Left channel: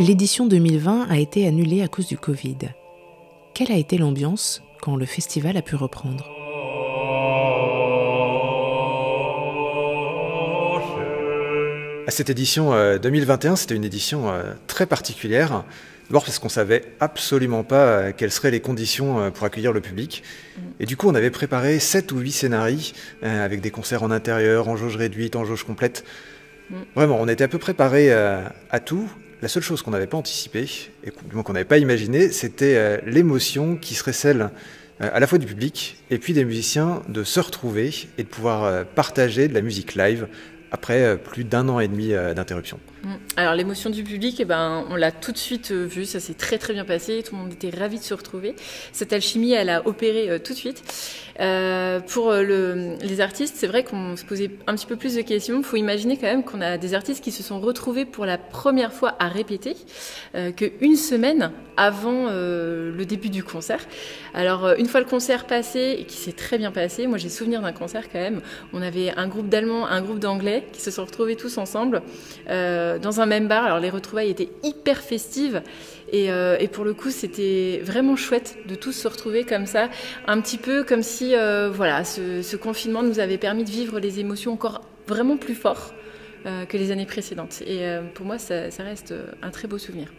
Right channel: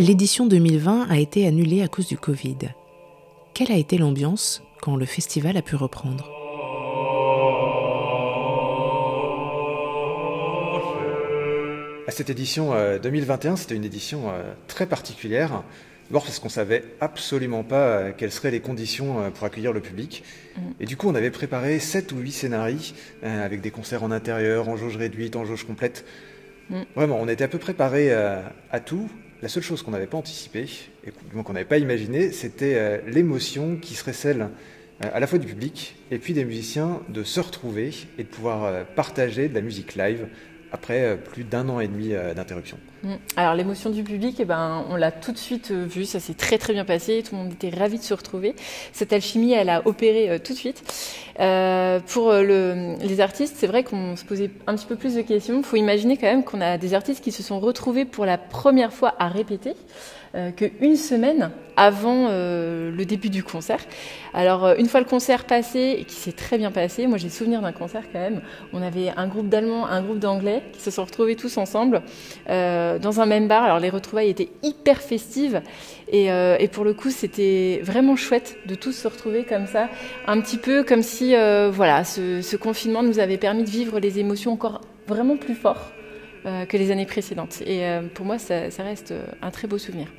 L'édition 2020 a été annulée à cause du Covid. Quelle a été l'ambiance quand le festival a pu reprendre ? Cette édition 2021, c'était une édition très particulière. D'abord parce qu'on ne savait absolument pas quelles seraient les conditions pour accueillir le public. Et du coup, on avait préparé 7 ou 8 scénarios avec des concerts en intérieur, en jauge réduite, en jauge complète. Vraiment, on était un peu préparé à tout. La seule chose qu'on n'avait pas anticipée, et qu'on n'avait pas imaginé, c'était l'émotion qui serait celle à la fois du public et puis des musiciens de se retrouver et de pouvoir partager de la musique live après plus d'1 an et demi d'interruption. Alors l'émotion du public, on l'a tout de suite vu, ça s'est très très bien passé, tout le monde était ravi de se retrouver. Cette alchimie, elle a opéré tout de suite. Pour les artistes, c'est vrai qu'on se posait un petit peu plus de questions. Il faut imaginer quand même qu'on a des artistes qui se sont retrouvés pour la première fois à répéter qu'une semaine avant le début du concert. Alors une fois le concert passé, et qui s'est très bien passé, moi j'ai souvenir d'un concert quand même, on avait un groupe d'Allemands, un groupe d'Anglais qui se sont retrouvés tous ensemble dans un même bar. Alors les retrouvailles étaient hyper festives et pour le coup c'était vraiment chouette de tous se retrouver comme ça, un petit peu comme si ce confinement nous avait permis de vivre les émotions encore vraiment plus fort que les années précédentes. Et pour moi ça reste un très beau souvenir.